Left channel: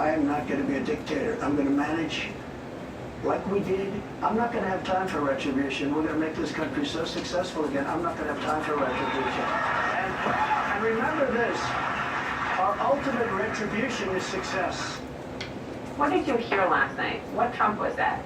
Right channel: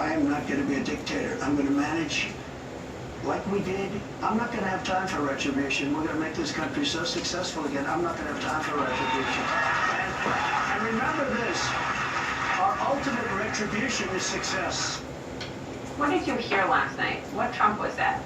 I am not going to be a dictator. I'm going to manage like we did. I'm not going to have time for retribution. We're going to make this country so successful again. I'm not going to have time for retribution. And remember this, our ultimate retribution is success. What did you hear last night? What Trump was that?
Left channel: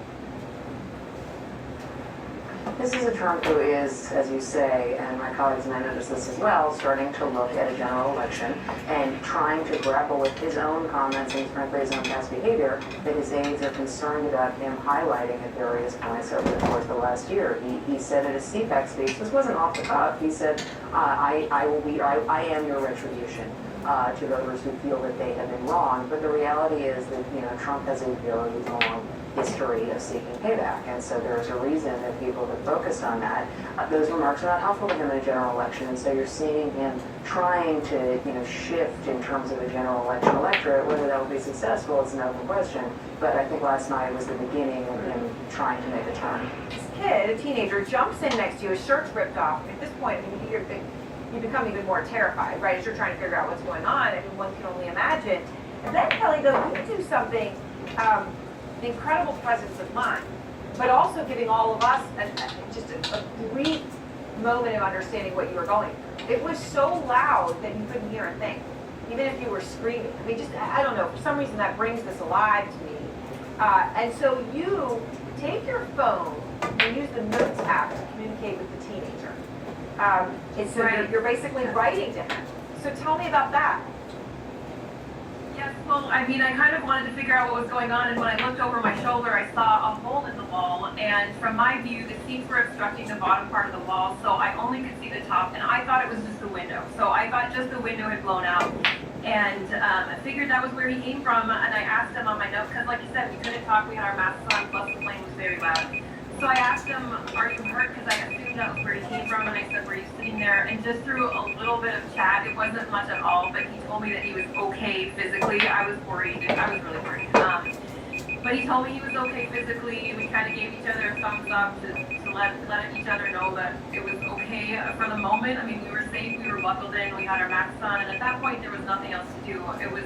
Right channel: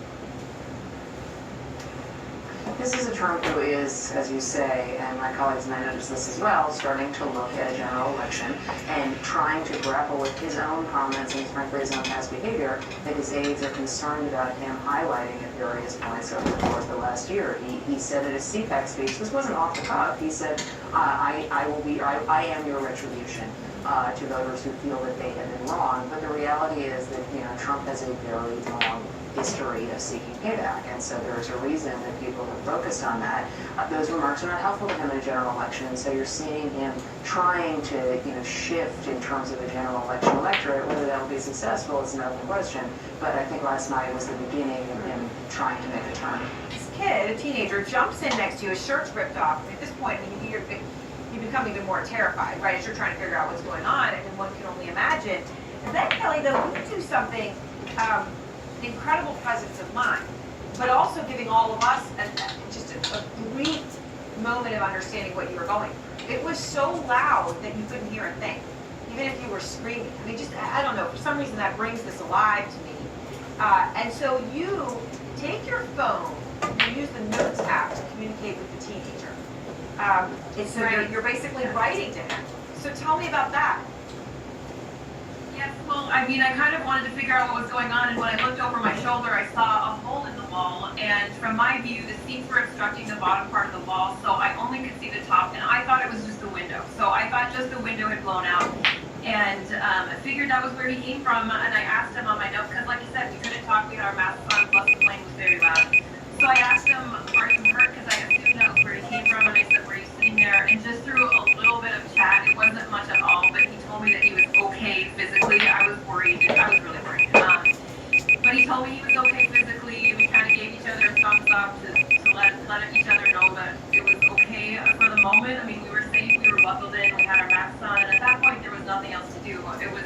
This is a Trump who is, as you say, and my colleagues might notice this as well, starting to look at a general election and trying to grapple with his own comments and frankly his own past behavior that his aides are concerned about him highlighting at various points over the course of the last year. He said at his CPAC speech, this wasn't off the cuff, he said, I am your retribution. To voters who feel that they have been wrong, but the reality is that Trump has a very long history of seeking payback, and so there's a reason that people have focused on that. Those remarks are not helpful to him in a general election, and so you're seeing him trying to shift in terms of a general election electorate. Whether that will be successful is an open question, but I think last night was the beginning of him trying to make a turn. This kid, a teenager, jumps in next to you, his shirt's ripped off. At this point, you become even more terrified, right? As you're trying to figure out what's going on, and one can only imagine. And then Kelly, though, you do something, incredible presence of mind, but also giving all of us just a brief moment of understanding what you were going through. It was so loud that you couldn't hear a thing, even if you were screaming. I mean, I don't know, for some reason that brings this alive to me. And so you take your phone and use the Notes app to communicate with the teenager. So right. You're basically writing to him. So tell me about that. Yes, well, I mean, I kind of wanted to figure out what was going on, and when I looked over my shoulder, I saw a hole in the wall, and from my view, the seats were obstructing the bottom part of the wall, so I only could see the top, and I thought it was just the window. So I thought just the window had blown out, and I figured that was where he came from, and I asked him on my notes, because like you said, we couldn't talk, we had our masks on, plus the plane was very loud. So I asked him, are you hurt? Because I assumed that was where he came from, and I said, were you sitting there? And just through a little bit of chat, it wasn't much at all, but he told me that he was okay physically. I was worried. I was really worried. But he told me he was okay physically, and we kind of gave each other a thumbs up to let each other know that it was okay for the moment. I mean, we were safe, we were buckled in, we had our masks on, and at that point, there was nothing else to do. It was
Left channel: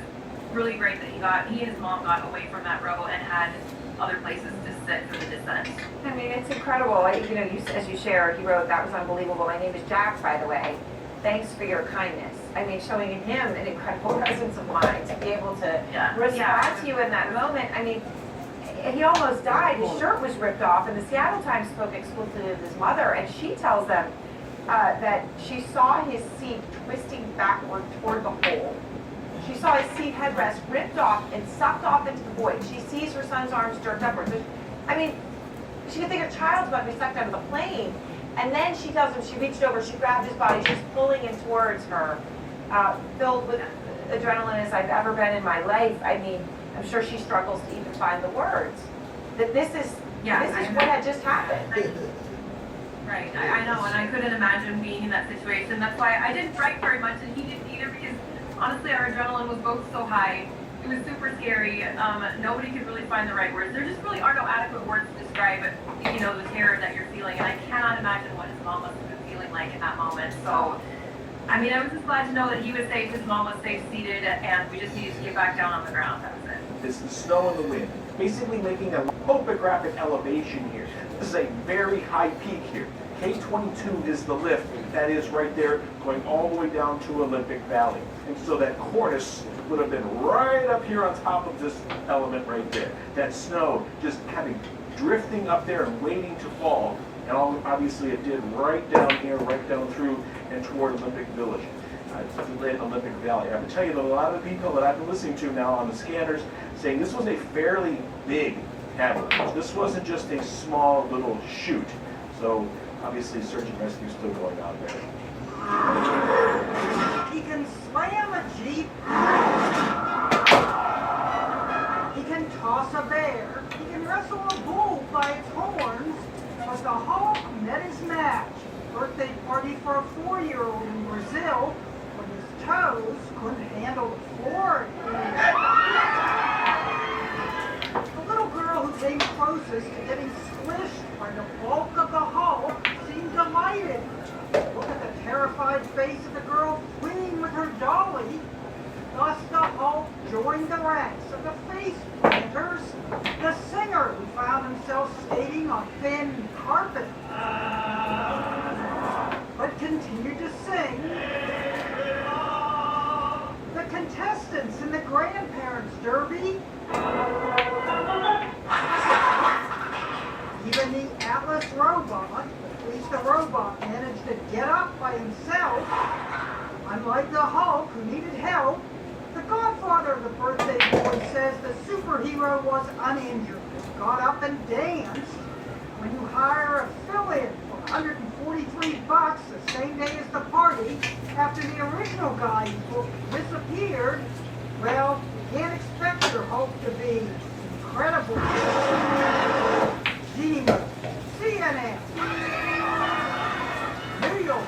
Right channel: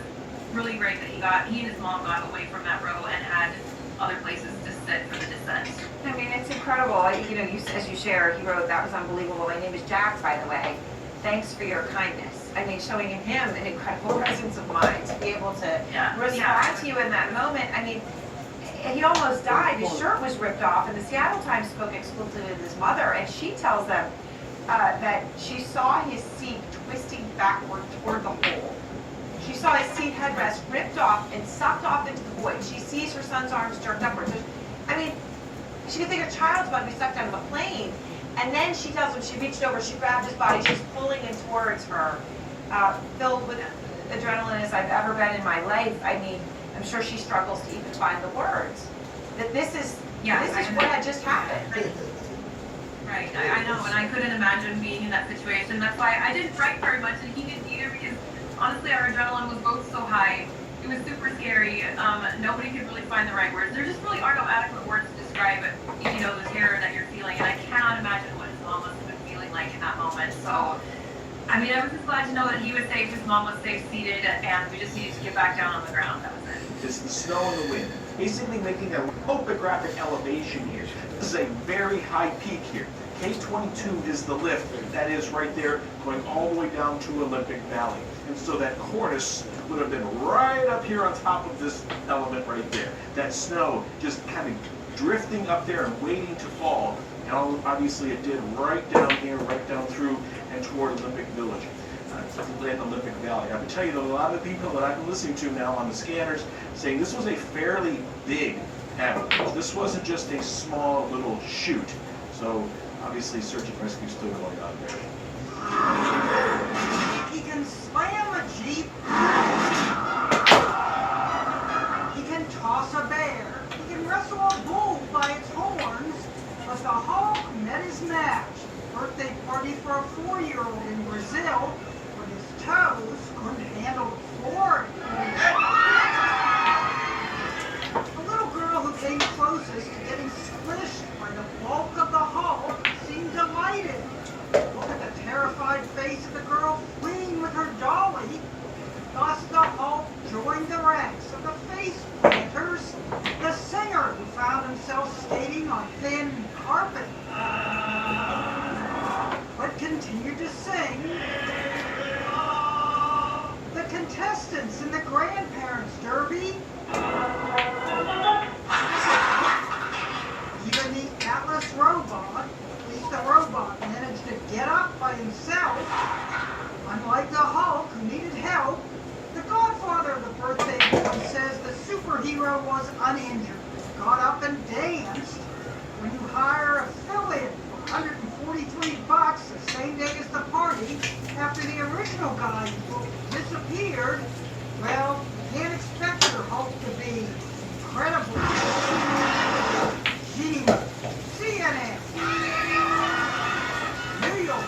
really great that he and his mom got away from that row and had other places to sit for the descent. I mean, it's incredible. As you shared, he wrote, that was unbelievable. My name is Jack, by the way. Thanks for your kindness. I mean, showing in him an incredible presence of mind to be able to respond to you in that moment. I mean, he almost died. His shirt was ripped off, and the Seattle Times spoke exclusively with his mother, and she tells them that she saw his seat twisting backward toward the hole. She saw his seat headrest ripped off and sucked off into the void. She sees her son's arms jerked upwards. I mean, she could think her child's about to be sucked out of the plane. And then she tells him, she reached over, she grabbed his body, she's pulling him towards her, filled with adrenaline as I've ever been in my life. I mean, I'm sure she struggles to even find the words. That this is what had just happened. Right, I know, and I couldn't imagine being in that situation. That's why I didn't write very much, and he didn't either, because honestly, our adrenaline was both so high. It was super scary. Nobody could really find the right words. There just really are no adequate words to describe, the terror that you're feeling. And I cannot imagine what his mom must have been feeling like in that moment. So, I mean, I was just glad to know that he was safe, his mom was safe seated, and we just needed to get back down on the ground. That was it. It's the snow and the wind, basically making a topographic elevation here. This is a very high peak here. K22 is the lift that is right there going all the way down to Olympic Valley. And so that cornice would have been right up here on top of this element right there. That snow just kind of drifting up there and waiting to fall. And obviously it did right down here, right down through and toward Olympic Village, Olympic Valley. I can tell you that a lot of the people that I've been listening to now on the scanners saying this was a fairly big avalanche. This wasn't just a small little chute. So obviously search and rescue is still going on there. He can slam a Jeep. He can toss a bear. He can wrestle a bull by its horns. But the Hulk met his match. Birthday party for a 4-year-old in Brazil, when his toes couldn't handle the floor. The little girl who came closest to getting squished by the bulk of the Hulk seemed delighted. Look at the terrified face of the girl fleeing with her dolly. Thus the Hulk joined the ranks of the face planters, the singer who found himself skating on thin carpet, but continued to sing, the contestants in the grandparents' derby, even the Atlas robot, at least the robot managed to get up by himself. Unlike the Hulk, who needed help, the godfather of the birthday boy says the superhero was uninjured, got up and danced. When you hire a fill-in for $143 the same day as the party, after the original guy you booked disappeared, well, you can't expect your Hulk to be incredible. CNN, New York.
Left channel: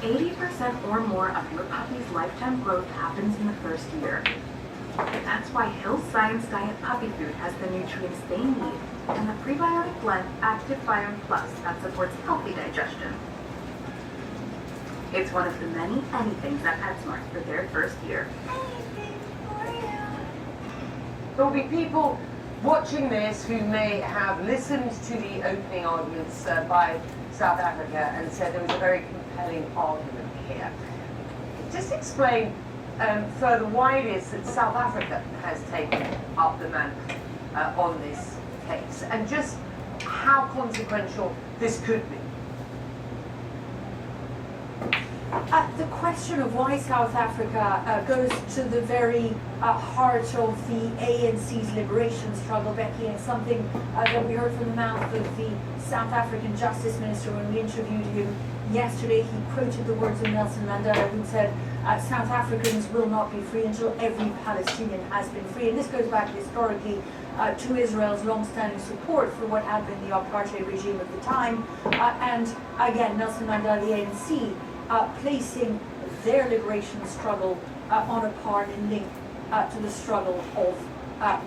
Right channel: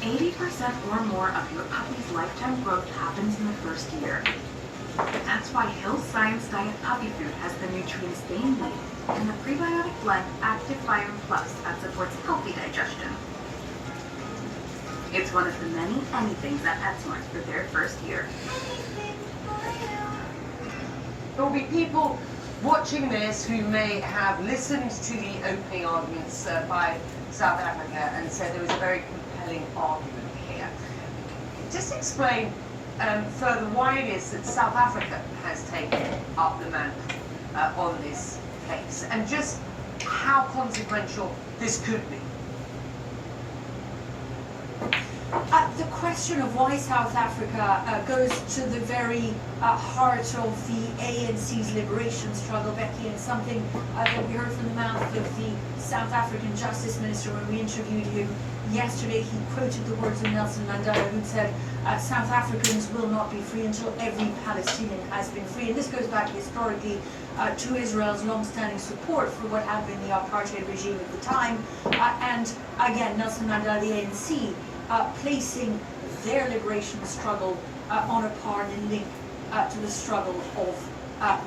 80% or more of your puppy's lifetime growth happens in the first year. That's why Hill's Science Diet Puppy Food has the nutrients they need and the prebiotic blend Active Biome Plus that supports healthy digestion. It's one of the many anythings at PetSmart for their first year. There will be people watching this who may have listened to the opening arguments by South Africa and said there was a very compelling argument here. Just explain further why it is that South Africa has taken up the mantle on this case and just how consequential this could be. The question of why South Africa goes to the very heart of the ANC's liberation struggle, Becky, and something that we heard from the mouth of the South African Justice Minister when we interviewed him yesterday. He quoted the words of Nelson Mandela, who said, South Africans will not be free until every Palestinian has been free. And this goes back historically to Israel's long-standing support for what had been the apartheid regime at the time. And again, Nelson Mandela, the ANC, placing their liberation struggle on a par and link to the struggle of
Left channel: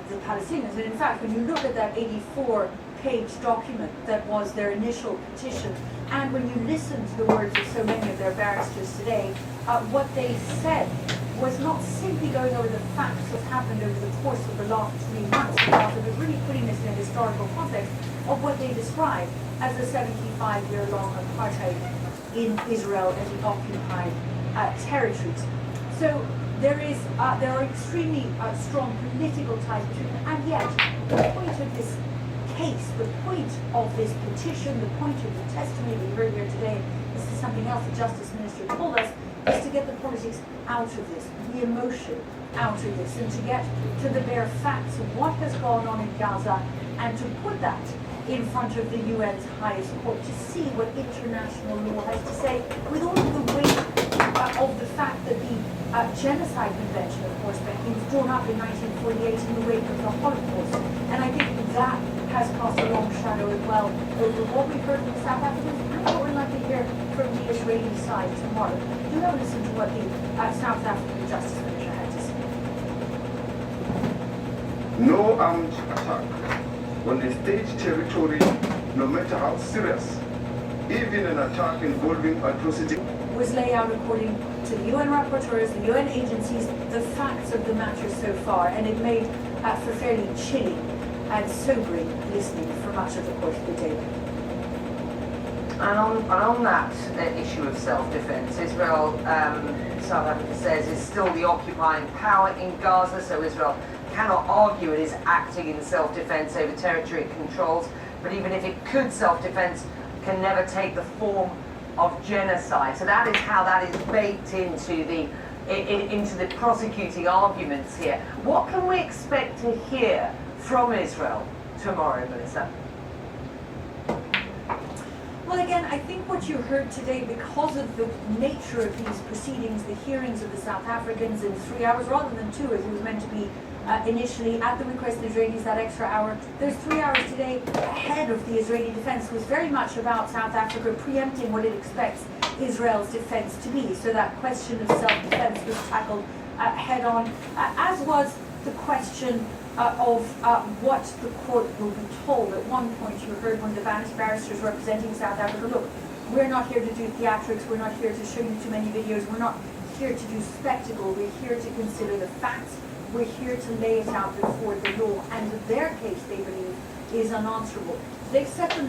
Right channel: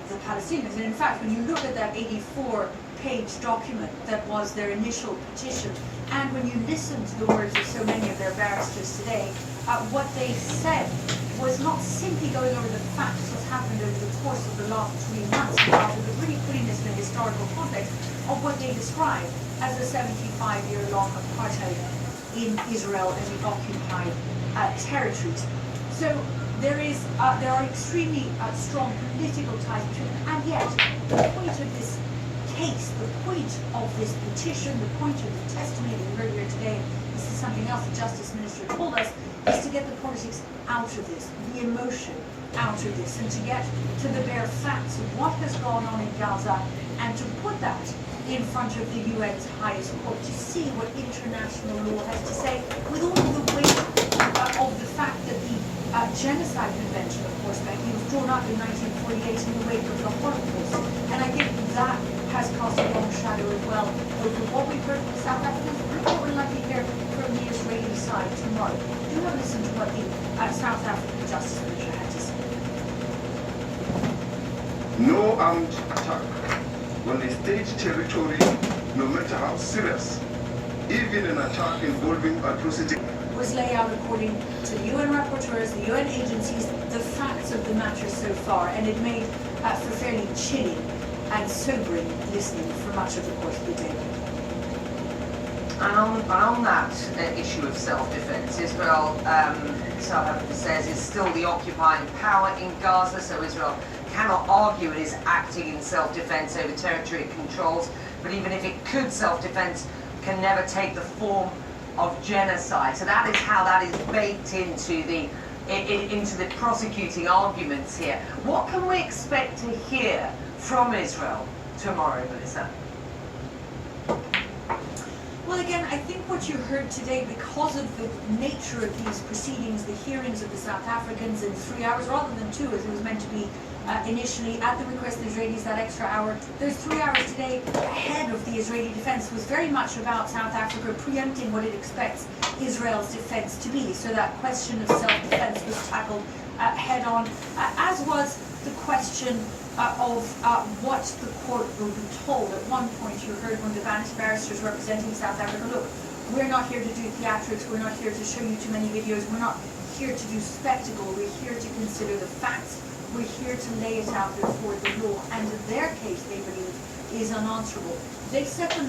the Palestinians. And in fact, when you look at that 84-page document that was their initial petition, and when you listen to the words of so many of their barristers today, what they said was not simply going over the facts that happened over the course of the last 3 months, but really putting this in a historical context of what they describe as the 75-year-long apartheid in Israel and the occupied territories. So there are extremely strong political ties between them, and yet the point of this case, the point of this petition, the point of the testimony we heard here today, this is something else the Justice Minister told us, is to get the politics out of this, the emotion out of this, and to get to the bare facts of what has gone on in Gaza, and to put that in front of the UN's highest court, to see what international law has to say, with all of the weight of the fact that the Genocide Convention, of course, Becky, was drawn up in 1948 in the wake of the Holocaust. And I think that has cast a long shadow as well over what we've heard from the South Africans and what we're likely to hear from the Israeli side tomorrow. Do have a listen to what the South African Justice Minister had to say. No armed attack on a state territory, no matter how serious, even an attack involving atrocity, was laid out according to the UN rapporteurs, the UN agencies, the facts of the matter so far, and it made for fairly chilling and sobering listening for much of the course of the day. And on that issue of self-defense, Israel, South Africa says, is still the occupying power in Gaza, so Israel cannot argue it is acting in self-defense over territory it controls, but even if it could self-defense, can never take the form of genocide. So that is how that is baked into the prosecuting arguments here. What can we expect to hear from Israel tomorrow, Melissa? Well, again, I think what you heard today, because of the nature of these proceedings, the hearings of the South Africans in 3 hours rather than 2, as it was meant to be initially, at the request of the Israelis, that extra hour, those 3 hours today ahead of the Israeli defense was very much about South Africa preempting what it expects Israel's defense to be. So that question of self-defense was tackled head on, as was the question of what the court will be told. At one point you heard one of the Spanish barristers representing South Africa, look, we're not here to do theatrics, we're not here to show you too many videos, we're not here to do spectacle, we're here to consider the facts, we're here to lay it out before the law, and their case, they believe, is unanswerable. They set the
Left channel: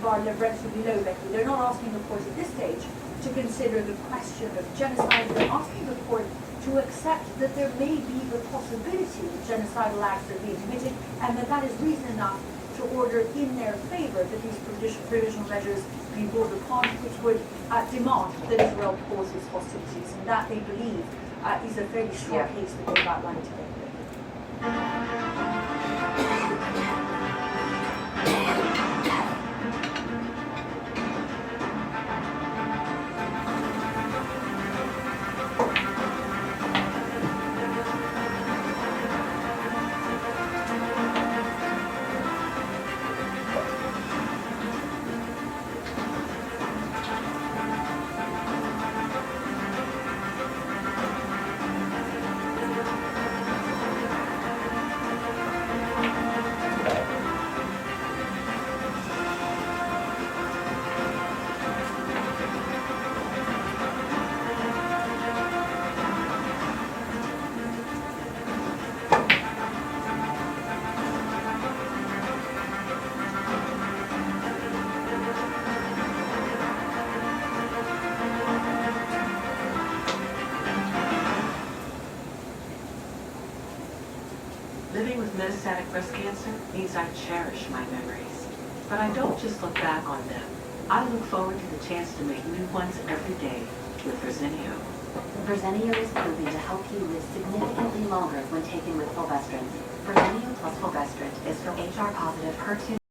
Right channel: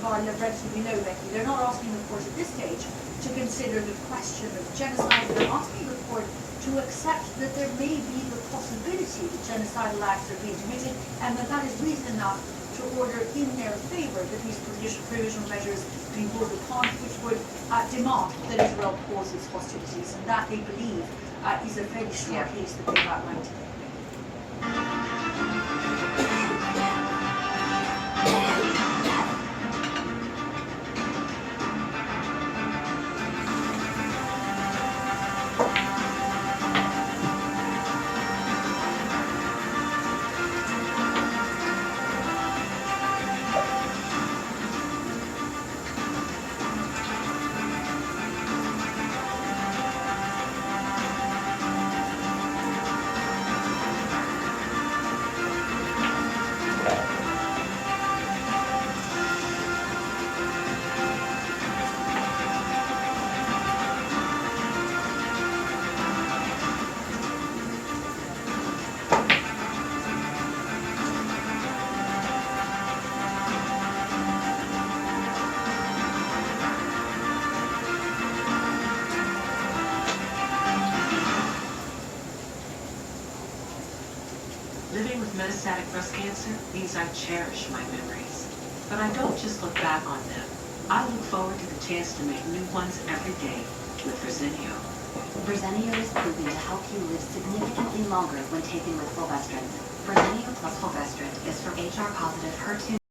bar relatively low, Becky. They're not asking the court at this stage to consider the question of genocide. They're asking the court to accept that there may be the possibility that genocidal acts are being committed, and that is reason enough to order in their favor that these provisional measures be ruled upon, which would demand that Israel pause its hostilities, and that they believe is a fairly strong case that they've outlined today. Living with metastatic breast cancer means I cherish my memories. But I don't just look back on them. I look forward to the chance to make new ones every day with Verzenio. Verzenio is proven to help you live significantly longer when taken with fulvestrant. Verzenio plus fulvestrant is for HR-positive, HER2